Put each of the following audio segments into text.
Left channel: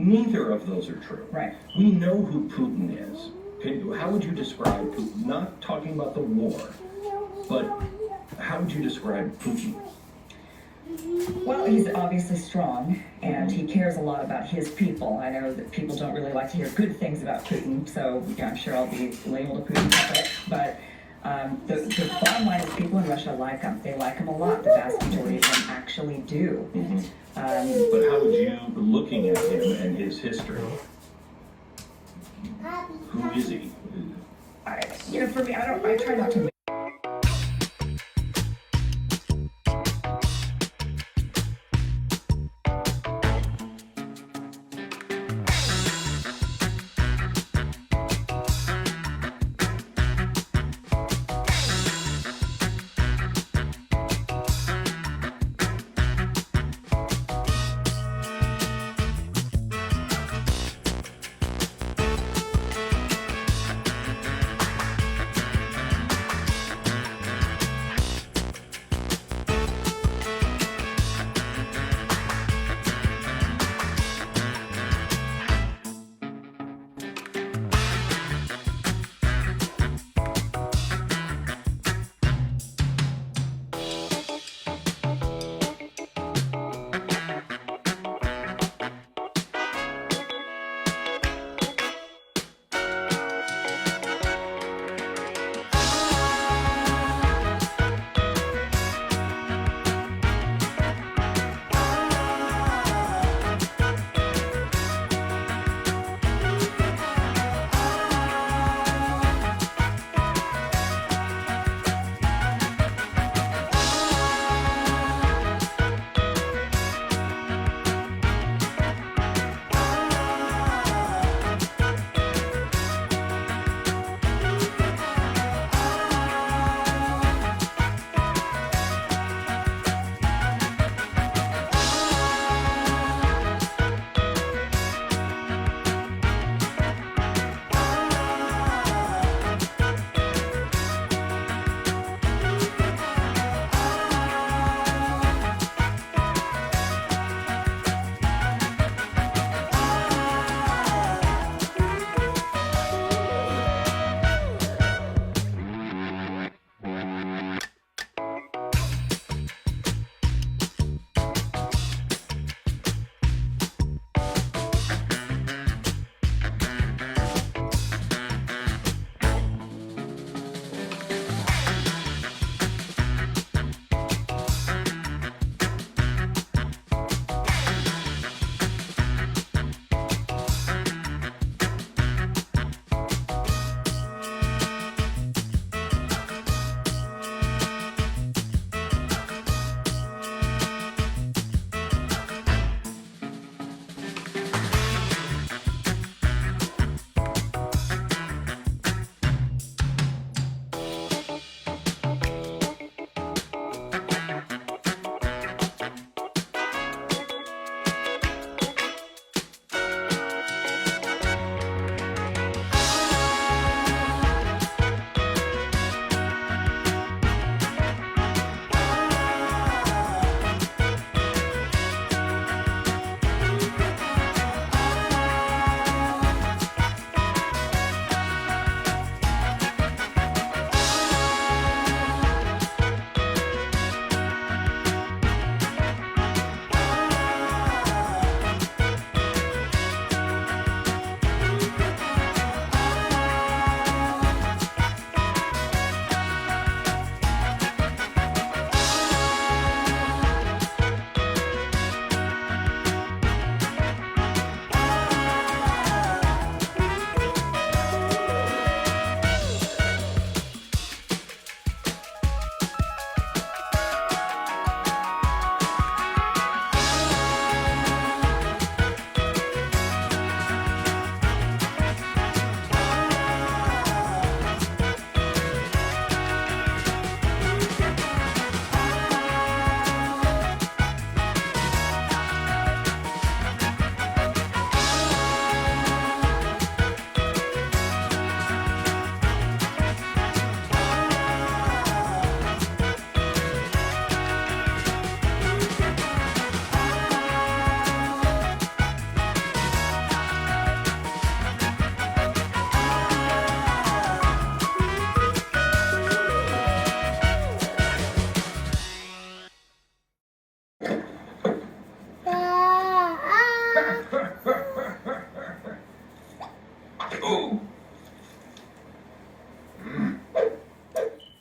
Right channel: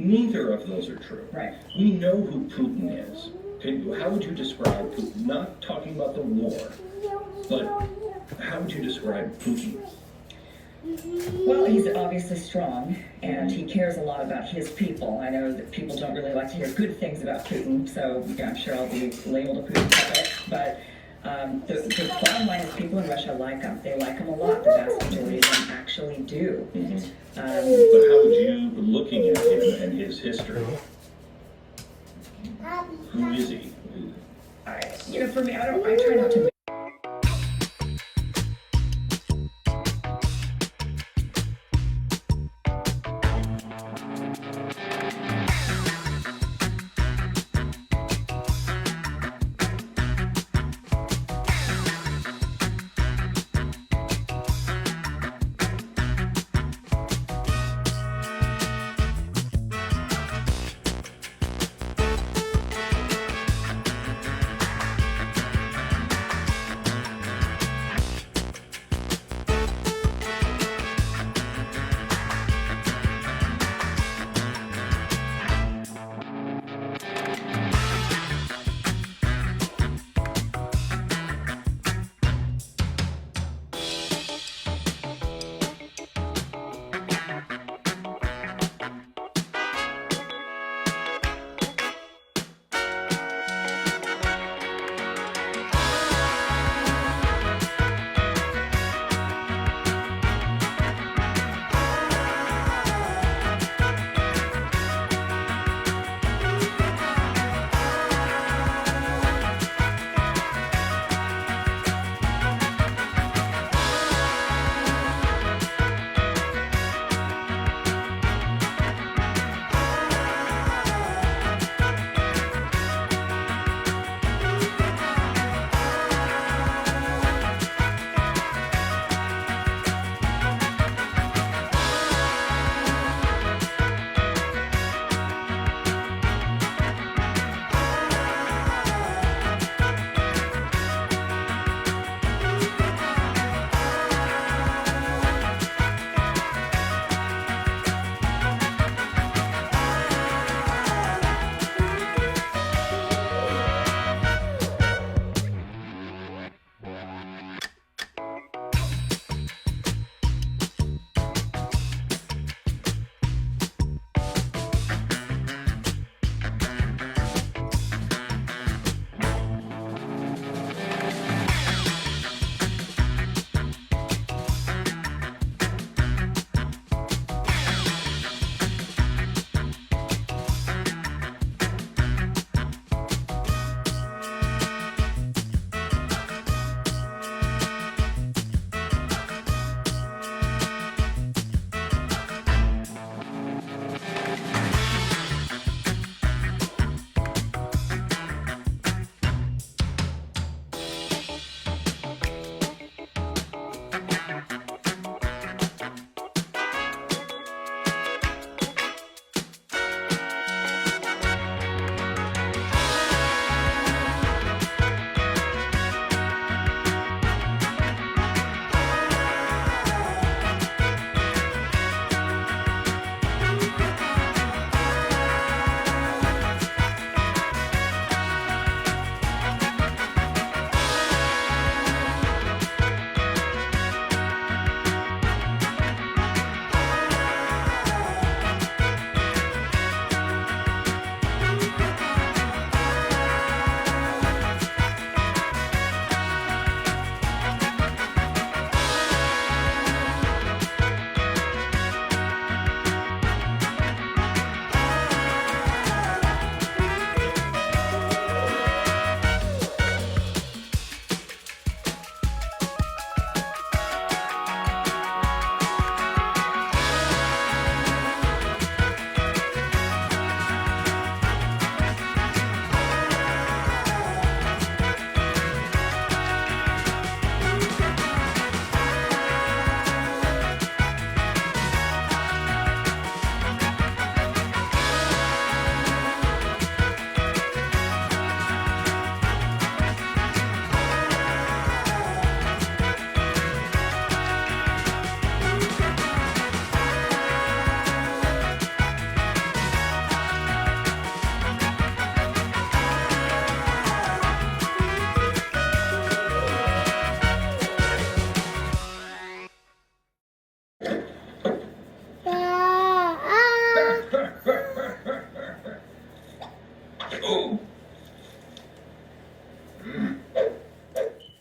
Neither of those are true. Right. We know who Putin is. How would you describe Putin? Not talking about the war, but how would you describe Putin? Well, he's obviously strong, and he cares a lot about his people. I know that people don't really like to hear good things about Putin, so yeah, I'm sure I'll be labeled a Putin, but the bottom line is people in Russia like him. They like him a lot. The vast majority of them actually do. But how would you, looking at him and his history, who is he? For me, I try not to.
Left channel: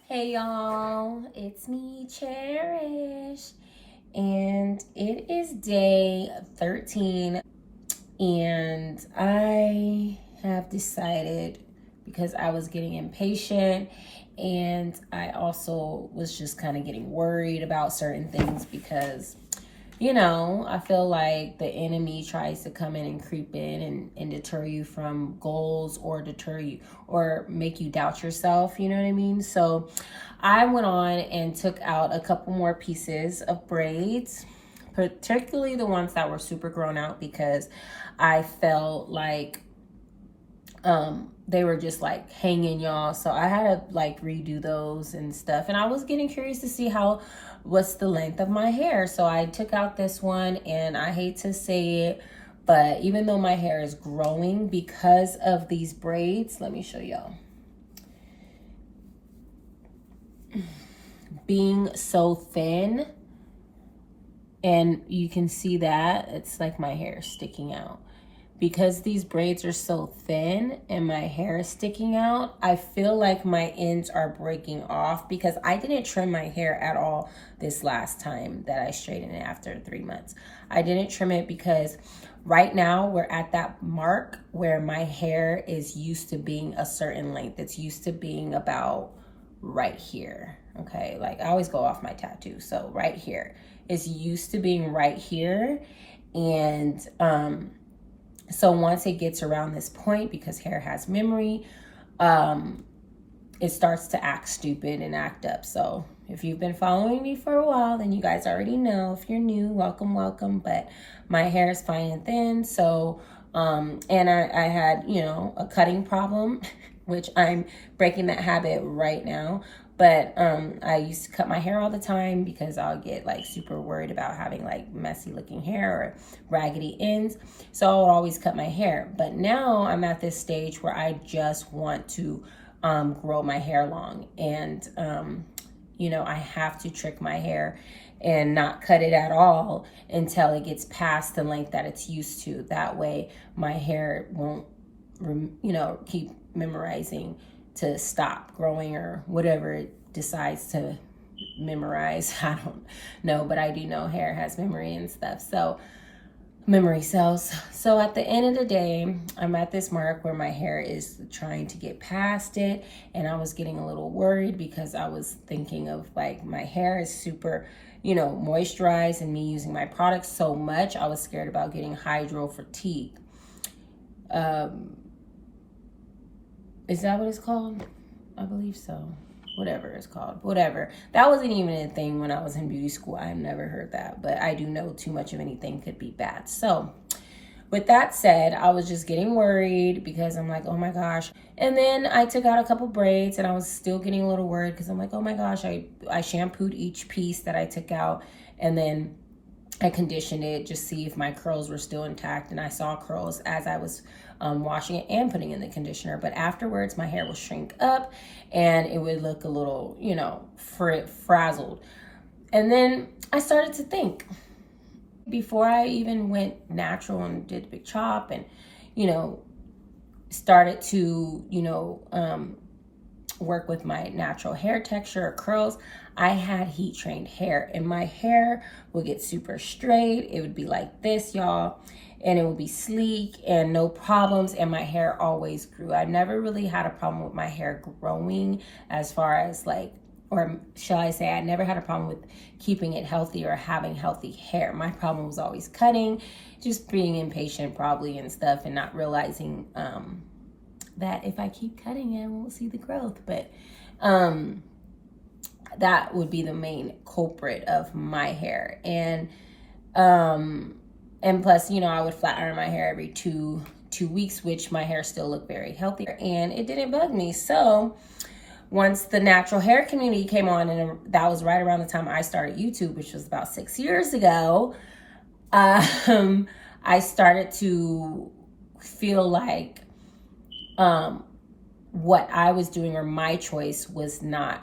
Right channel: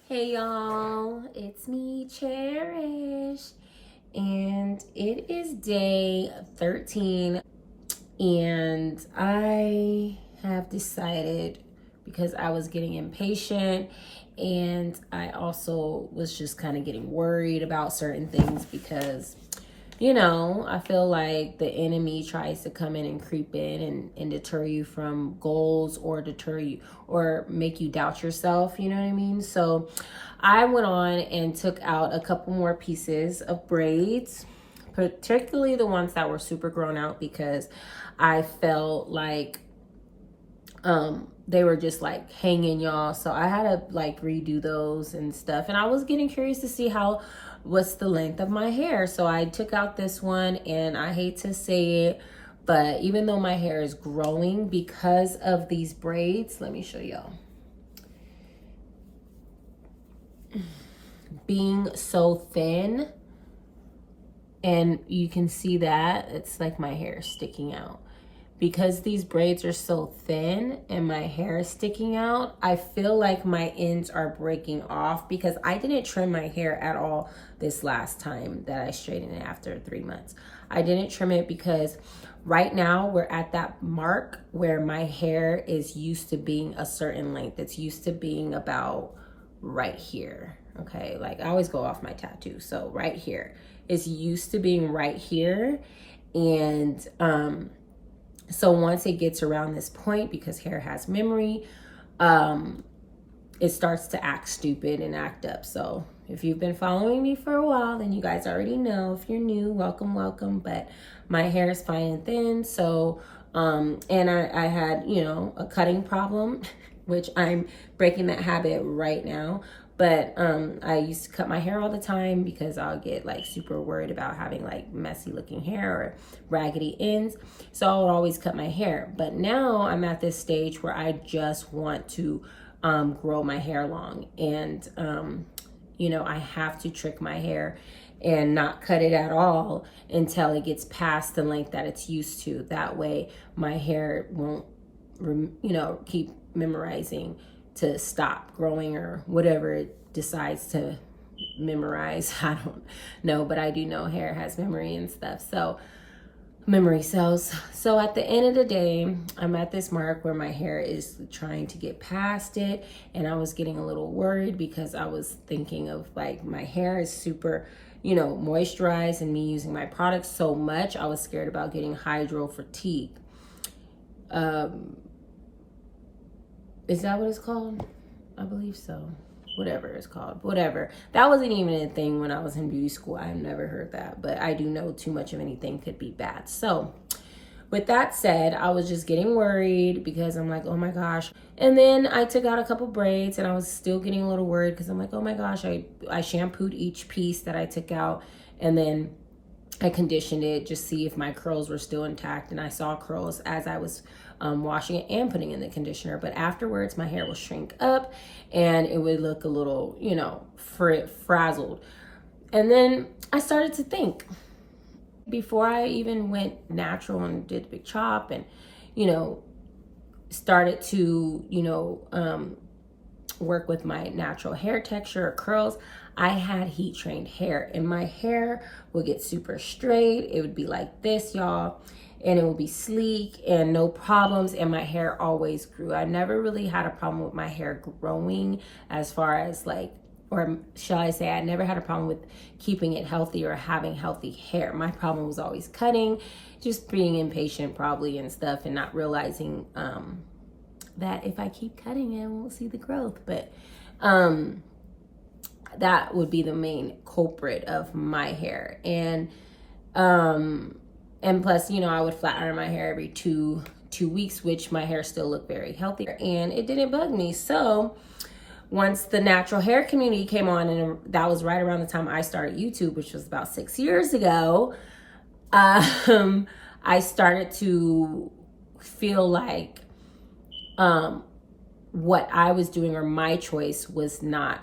Hey y'all, it's me, Cherish, and it is day 13, and I have decided, because I was getting impatient and I also was just kind of getting worried about certain things, because I feel like the enemy tries to come in and creep in and deter you from goals, or deter you or make you doubt yourself, you know what I mean? So I went on and took out a couple more pieces of braids, particularly the ones that were super grown out, because I felt like they were just like hanging, y'all. So I had to like redo those and stuff, and I was getting curious to see what's the length of my hair. So I took out this one, and I hate to say it, but even though my hair is growing because of these braids, let me show y'all. Being so thin, and you can see that it's like my hair sticking out. Because these braids are so thin and my hair is sticking out, I feel like my ends are breaking off, because I didn't trim my hair at all this last time that I straightened it after 3 months. I didn't trim it because right now we're at that mark where my hair is used to being a certain length. It's used to being about right here, okay? Like I always go off my tattoo, so right here. It's used to being right here, and so once it gets around this point, because hair has memory, it starts to act stupid and act up. So if you've been following me for a while, then you guys already know. If you're new, welcome. But my hair is fine and thin. So, and I had, a cutting problem, which I'm breaking that habit right now. But I used to cut my hair all the time because I'll get like super worried about having like messy looking hair or raggedy ends. So I'll always cut my hair. But now I'm at this stage where I just want to grow my hair long. And, I have to trick my hair and not cut it at all until it gets past the length that it's used to. That way my hair won't, keep memorizing to stop growing, or whatever it decides to memorize. I don't know, but I do know hair has memory and stuff. So memory cells. So at the end of the day, I'm at this mark where my hair is trying to get past it, and I was getting a little worried because I was thinking of like my hair is super, moisturized, and me using my products so much, I was scared about getting hydro fatigue. Is that what it's called? I believe so. Whatever it's called. Whatever. That wasn't even a thing when I was in beauty school. I've never heard that. But I do know too much of anything could be bad. So with that said, I was just getting worried because I'm like, oh my gosh. And then I took out a couple braids, and I was still getting a little worried because I'm like, oh my gosh. I shampooed each piece that I took out, and then I conditioned it just to see if my curls were still intact. And I saw curls as I was washing it and putting in the conditioner. But afterwards, my hair will shrink up and it would look a little, frazzled. And then I started to think, before I even went natural and did the big chop and, started to, work with my natural hair texture or curls, I had heat trained hair, and my hair would get super straight. It would be like this, y'all. And it would be sleek and no problems, and my hair always grew. I never really had a problem with my hair growing, as far as like, or shall I say, I never had a problem with keeping it healthy or having healthy hair. My problem was always cutting, just being impatient probably and stuff, and not realizing that if I keep cutting it, I won't see the growth. But that would be the main culprit of my hair. And plus, I would flat iron my hair every two weeks, which my hair still looked very healthy, and it didn't bug me. So once the natural hair community came on, and that was right around the time I started YouTube, which was about 6 years ago, I started to feel like what I was doing, or my choice, was not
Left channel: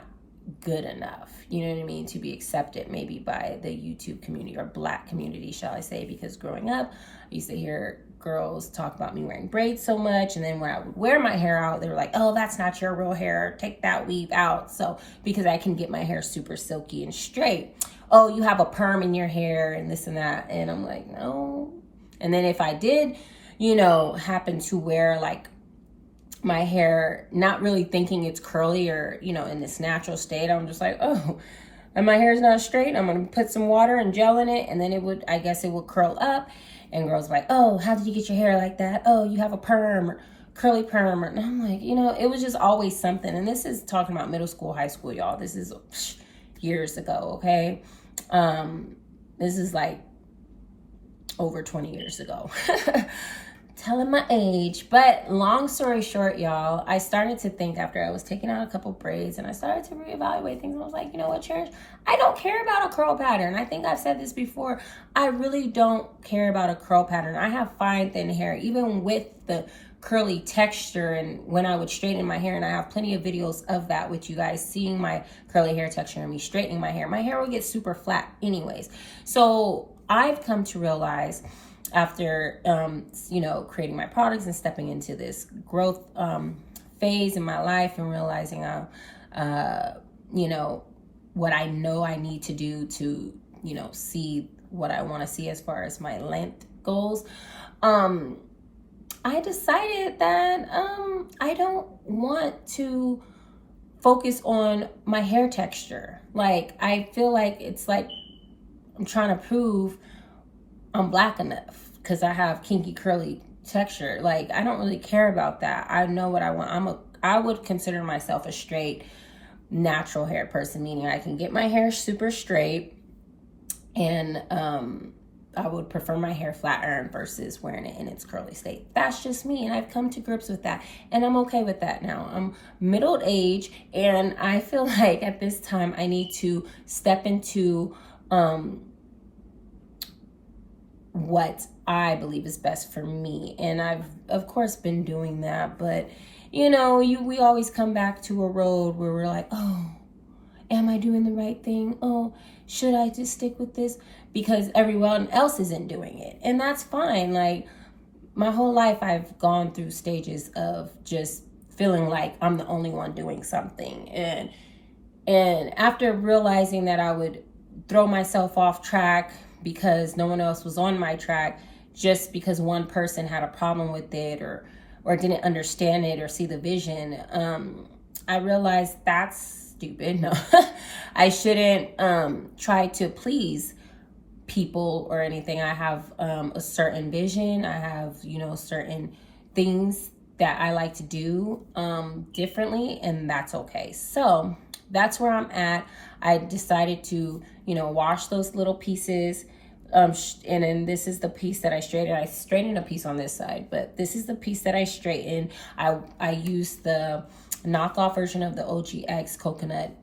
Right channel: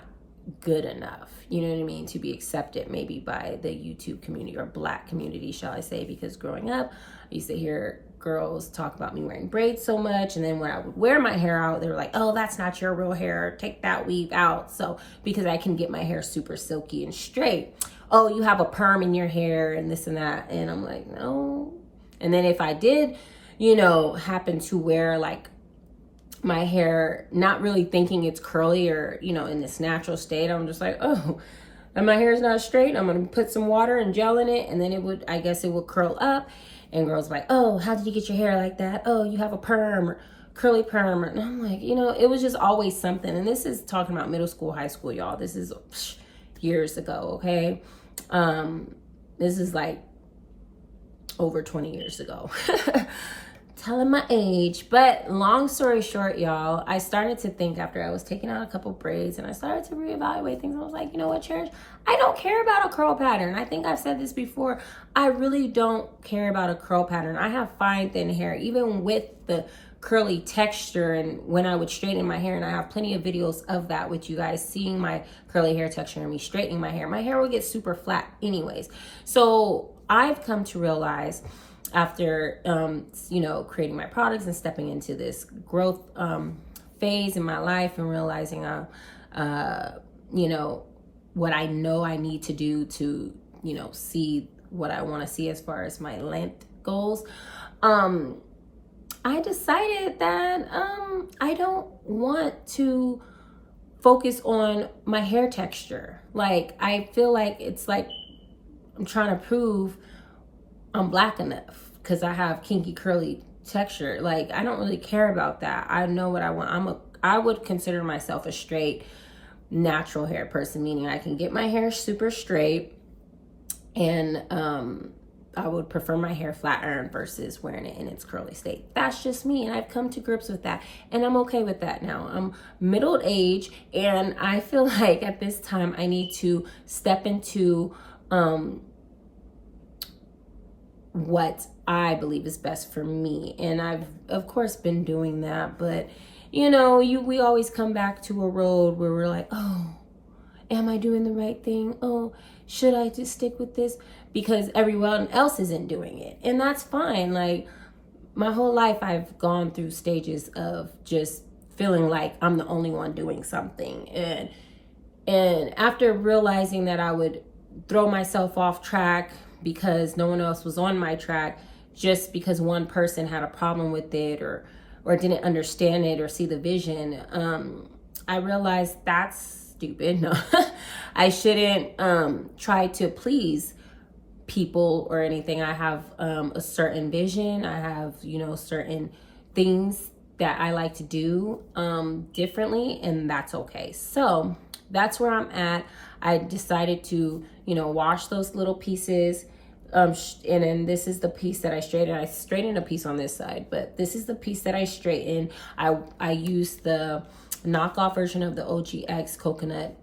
good enough. you know what I mean, to be accepted maybe by the YouTube community, or Black community, shall I say, because growing up, I used to hear girls talk about me wearing braids so much, and then when I would wear my hair out, they were like, oh, that's not your real hair, take that weave out. So because I can get my hair super silky and straight, oh, you have a perm in your hair and this and that. And I'm like, no. And then if I did, you know, happen to wear like my hair, not really thinking it's curly or, you know, in this natural state, I'm just like, oh, and my hair's not straight, I'm gonna put some water and gel in it, and then it would, I guess it would curl up. And girls like, oh, how did you get your hair like that? Oh, you have a perm, or curly perm. And I'm like, you know, it was just always something. And this is talking about middle school, high school, y'all. This is years ago, okay? This is like over 20 years ago. Telling my age. But long story short, y'all, I started to think after I was taking out a couple braids, and I started to reevaluate things. I was like, you know what, Cherish? I don't care about a curl pattern. I think I've said this before. I really don't care about a curl pattern. I have fine, thin hair, even with the curly texture, and when I would straighten my hair, and I have plenty of videos of that with you guys, seeing my curly hair texture and me straightening my hair would get super flat anyways. So I've come to realize after, you know, creating my products and stepping into this growth phase in my life, and realizing, you know what I know I need to do to, you know, see what I want to see as far as my length goals. I decided that I don't want to focus on my hair texture. Like, I feel like it's like I'm trying to prove I'm Black enough because I have kinky curly texture. Like, I don't really care about that. I know what I want. I would consider myself a straight, natural hair person, meaning I can get my hair super straight, and I would prefer my hair flat iron versus wearing it in its curly state. That's just me, and I've come to grips with that, and I'm okay with that now. I'm middle age, and I feel like at this time I need to step into what I believe is best for me. And I've of course been doing that, but you know, we always come back to a road where we're like, oh, am I doing the right thing? Oh, should I just stick with this? Because everyone else isn't doing it. And that's fine. Like, my whole life I've gone through stages of just feeling like I'm the only one doing something. And after realizing that I would throw myself off track because no one else was on my track, just because one person had a problem with it or didn't understand it or see the vision, I realized that's stupid. No, I shouldn't try to please people or anything. I have a certain vision. I have, you know, certain things that I like to do differently, and that's okay. So that's where I'm at. I decided to, you know, wash those little pieces. And then this is the piece that I straightened. I straightened a piece on this side, but this is the piece that I straightened. I used the knockoff version of the OGX coconut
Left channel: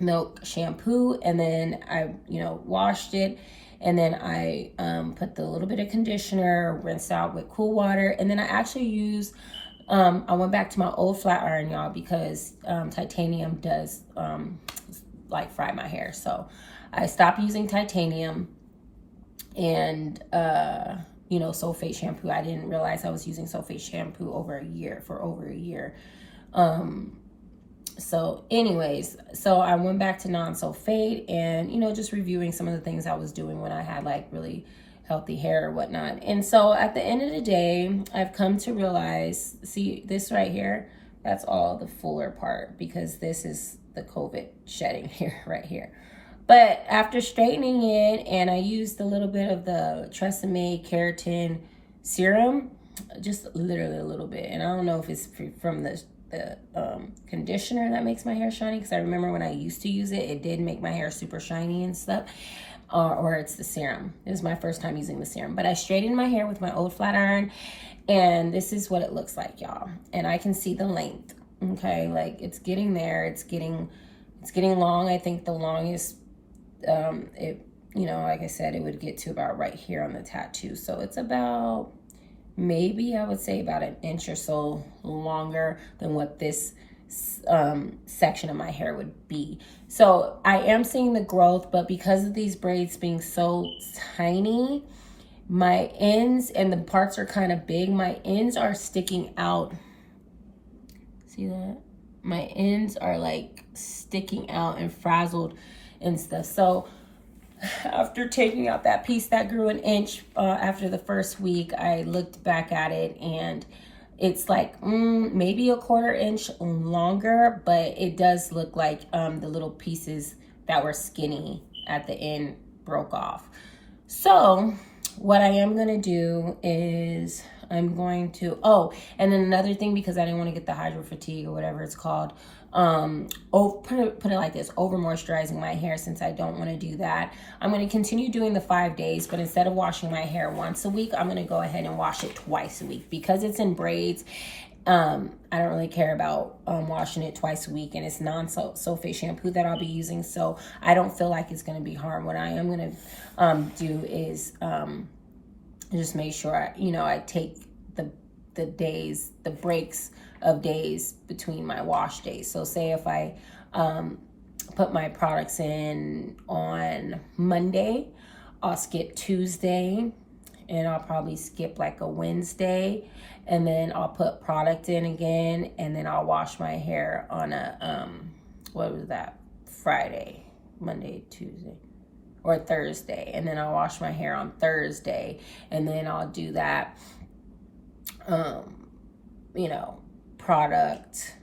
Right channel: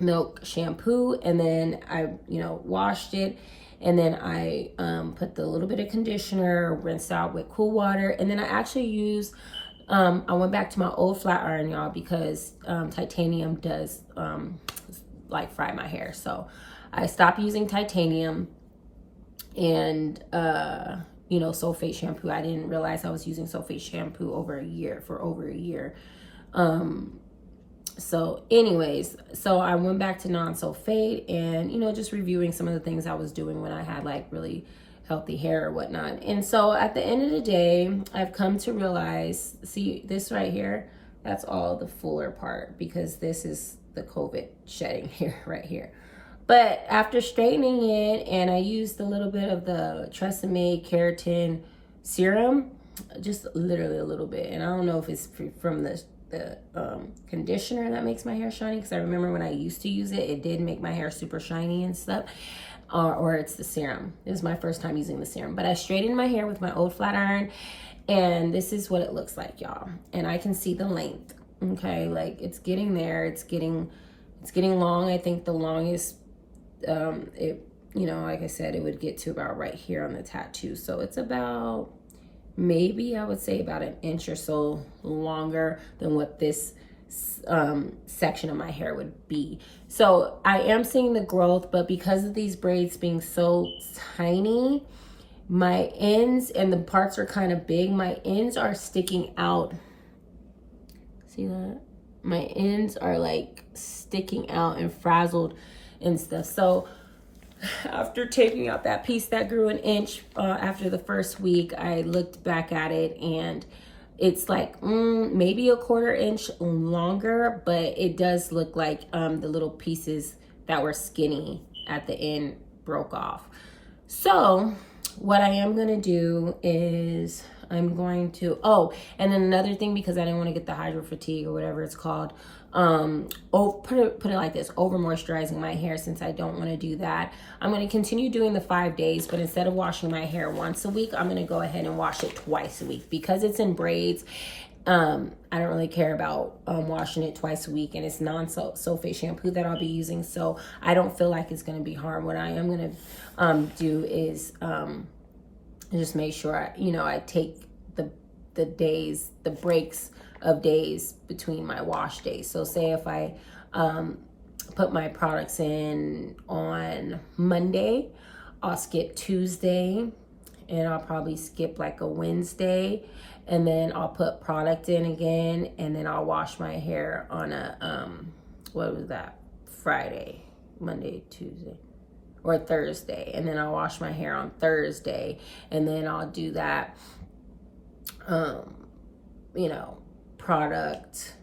milk shampoo, and then I, you know, washed it, and then I put the little bit of conditioner, rinsed out with cool water, and then I actually used, I went back to my old flat iron, y'all, because titanium does like fry my hair. So I stopped using titanium. And you know, sulfate shampoo, I didn't realize I was using sulfate shampoo for over a year. So anyways, so I went back to non-sulfate, and you know, just reviewing some of the things I was doing when I had like really healthy hair or whatnot. And so at the end of the day, I've come to realize, see this right here, that's all the fuller part, because this is the COVID shedding here, right here. But after straightening it, and I used a little bit of the Tresemme keratin serum, just literally a little bit. And I don't know if it's from the conditioner that makes my hair shiny, because I remember when I used to use it, it did make my hair super shiny and stuff. Or it's the serum. It was my first time using the serum. But I straightened my hair with my old flat iron, and this is what it looks like, y'all. And I can see the length. Okay, like it's getting there. It's getting long. I think the longest, it, you know, like I said, it would get to about right here on the tattoo. So it's about, maybe I would say about an inch or so longer than what this section of my hair would be. So I am seeing the growth, but because of these braids being so tiny, my ends and the parts are kind of big, my ends are sticking out. See that? My ends are like sticking out and frazzled and stuff. So after taking out that piece that grew an inch after the first week, I looked back at it and it's like maybe a 1/4 inch longer, but it does look like the little pieces that were skinny at the end broke off. So what I am going to do is I'm going to, and then another thing, because I didn't want to get the hydro fatigue or whatever it's called, put it like this, over moisturizing my hair, since I don't want to do that. I'm going to continue doing the 5 days, but instead of washing my hair once a week, I'm going to go ahead and wash it twice a week, because it's in braids. I don't really care about washing it twice a week, and it's non-sulfate shampoo that I'll be using, so I don't feel like it's going to be harm. What I am going to do is just make sure I take the days, the breaks of days between my wash days. So say if I put my products in on Monday, I'll skip Tuesday, and I'll probably skip like a Wednesday, and then I'll put product in again, and then I'll wash my hair on a what was that, Friday, Monday, Tuesday, or Thursday, and then I'll wash my hair on Thursday, and then I'll do that product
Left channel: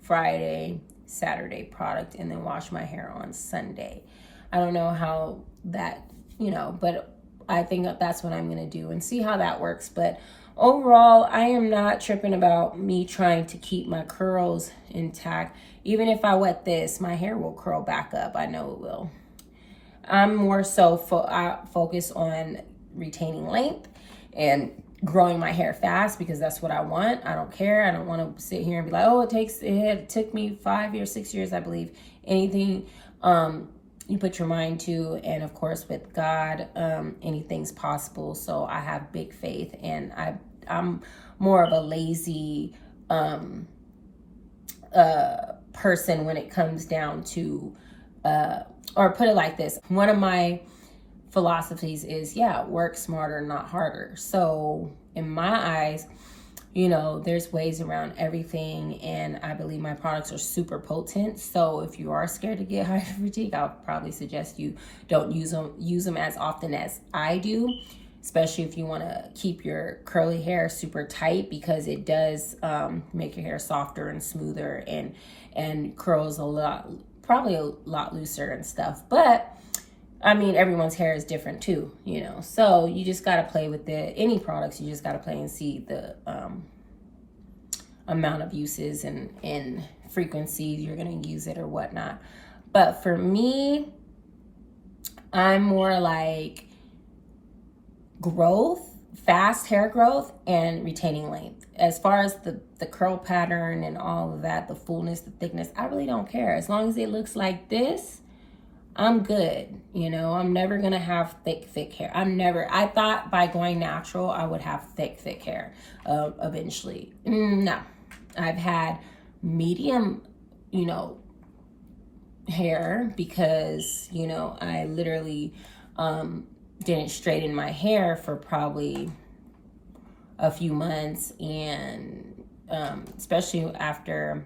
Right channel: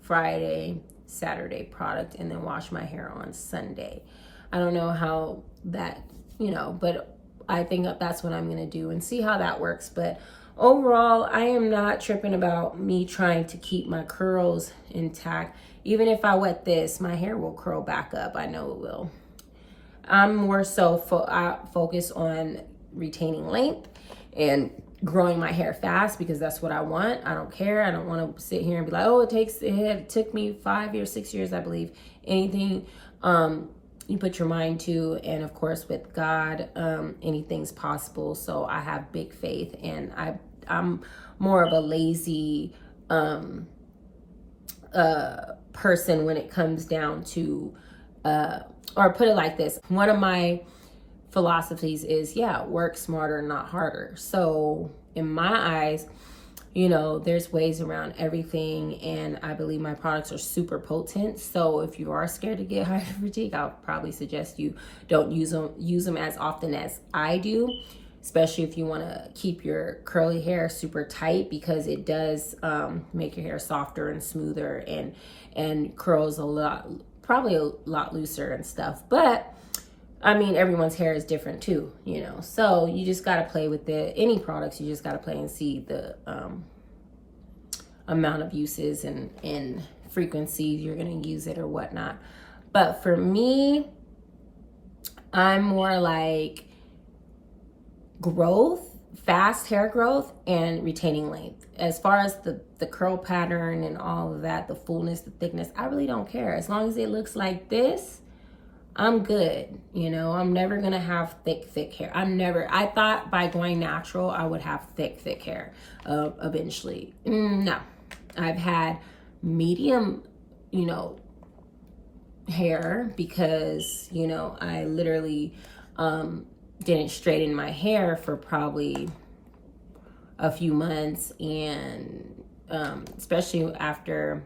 Friday, Saturday product, and then wash my hair on Sunday. I don't know how that, but I think that's what I'm going to do and see how that works. But overall, I am not tripping about me trying to keep my curls intact. Even if I wet this, my hair will curl back up. I know it will. I'm more so focused on retaining length and growing my hair fast, because that's what I want. I don't care. I don't want to sit here and be like, it took me 5 years, 6 years, I believe. Anything you put your mind to, and of course with God, anything's possible. So I have big faith, and I'm more of a lazy person when it comes down to or put it like this, one of my philosophies is, work smarter, not harder. So in my eyes, there's ways around everything, and I believe my products are super potent. So if you are scared to get hydro fatigue, I'll probably suggest you don't use them as often as I do, especially if you want to keep your curly hair super tight, because it does make your hair softer and smoother, and curls probably a lot looser and stuff. But I mean, everyone's hair is different too, so you just got to play with any products. You just got to play and see the amount of uses and frequency you're going to use it or whatnot. But for me, I'm more like growth, fast hair growth, and retaining length. As far as the curl pattern and all of that, the fullness, the thickness, I really don't care. As long as it looks like this, I'm good. I'm never going to have thick hair. I thought by going natural, I would have thick hair eventually. No, I've had medium, hair, because, I literally didn't straighten my hair for probably a few months. And especially after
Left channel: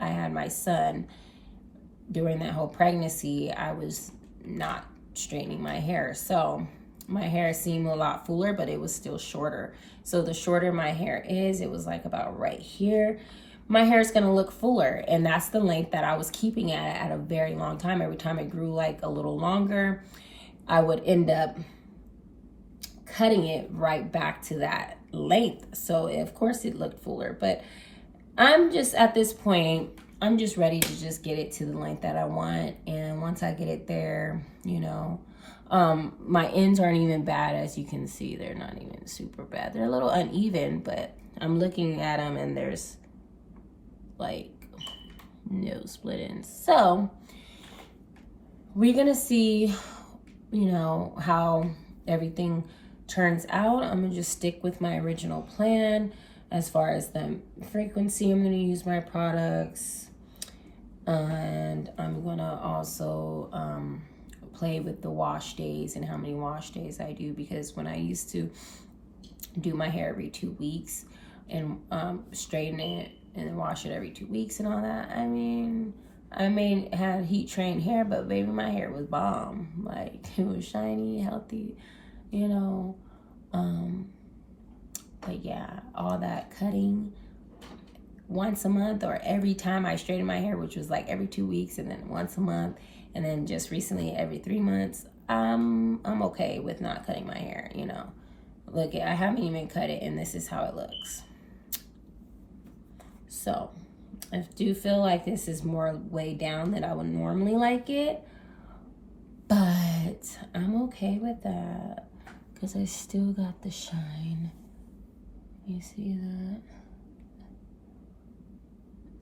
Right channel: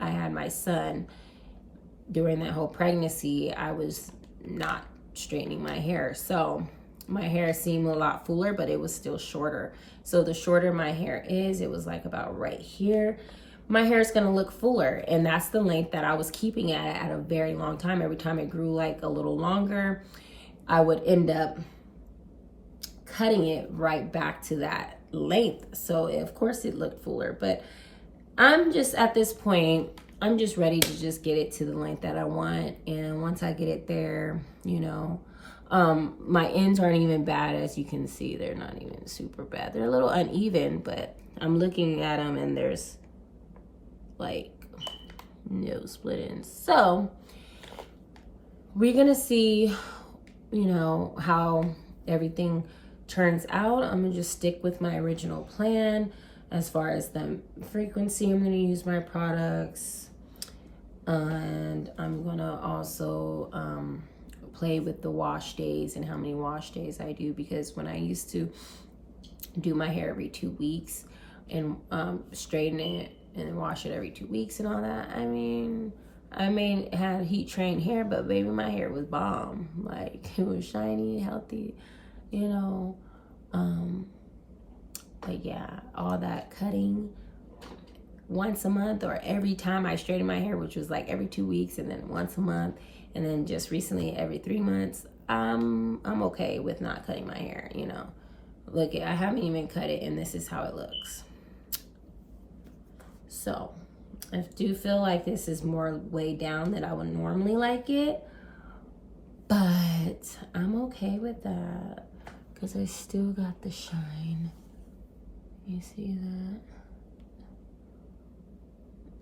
I had my son, during that whole pregnancy, I was not straightening my hair. So my hair seemed a lot fuller, but it was still shorter. So the shorter my hair is, it was like about right here, my hair is going to look fuller. And that's the length that I was keeping at a very long time. Every time it grew like a little longer, I would end up cutting it right back to that length. So of course it looked fuller, but I'm just at this point, I'm just ready to just get it to the length that I want. And once I get it there, my ends aren't even bad. As you can see, they're not even super bad. They're a little uneven, but I'm looking at them and there's like no split ends. So we're gonna see, how everything turns out. I'm gonna just stick with my original plan. as far as the frequency I'm going to use my products. And I'm going to also play with the wash days and how many wash days I do, because when I used to do my hair every 2 weeks and straighten it and wash it every 2 weeks and all that, I mean, had heat trained hair, but baby, my hair was bomb. Like, it was shiny, healthy, you know. But yeah, all that cutting once a month or every time I straighten my hair, which was like every 2 weeks, and then once a month, and then just recently every 3 months, I'm okay with not cutting my hair, you know. Look, I haven't even cut it, and this is how it looks. So I do feel like this is more way down than I would normally like it, but I'm okay with that because I still got the shine. You see that?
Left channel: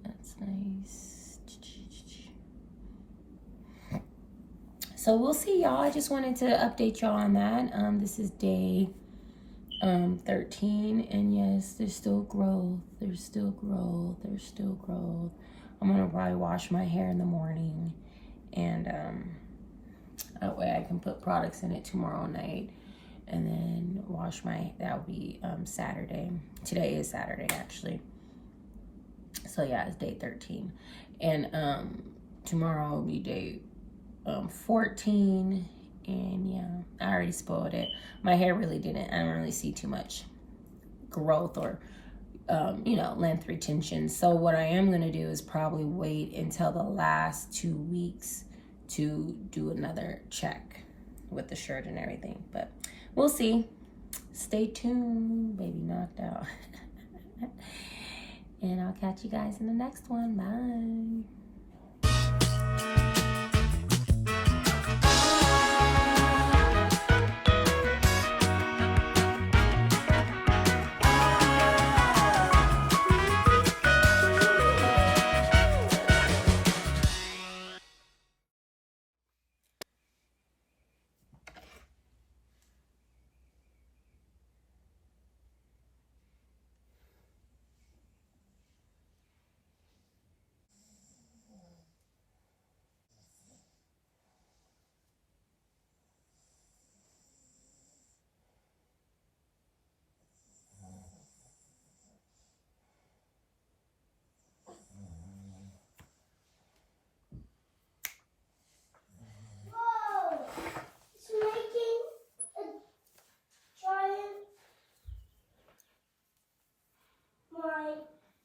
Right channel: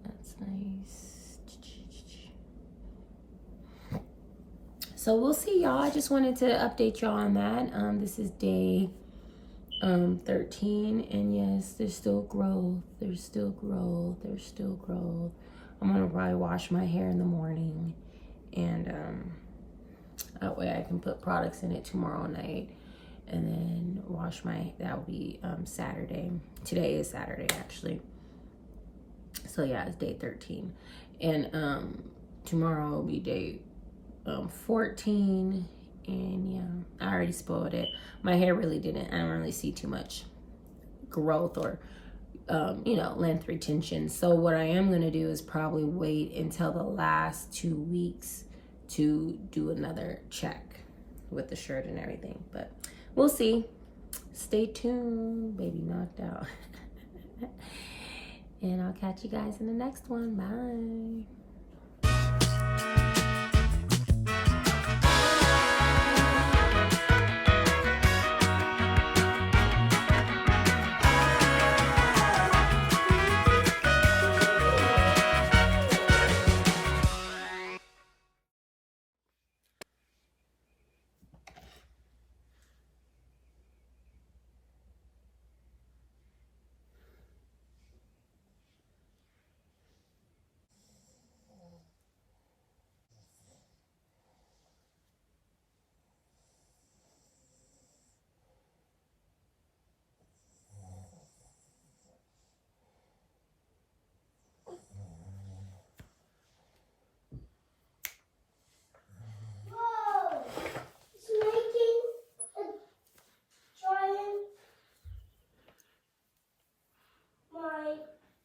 That's nice. So we'll see, y'all. I just wanted to update y'all on that. This is day 13, and yes, there's still growth. There's still growth. There's still growth. I'm gonna probably wash my hair in the morning, and that way I can put products in it tomorrow night, and then wash my. That will be Saturday. Today is Saturday, actually. So yeah, it's day 13, and tomorrow will be day 14, and yeah, I already spoiled it. My hair really didn't. I don't really see too much growth or you know, length retention. So what I am gonna do is probably wait until the last 2 weeks to do another check with the shirt and everything. But we'll see. Stay tuned. Baby knocked out. And I'll catch you guys in the next one. Bye.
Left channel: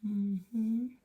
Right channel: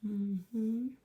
Mm-hmm.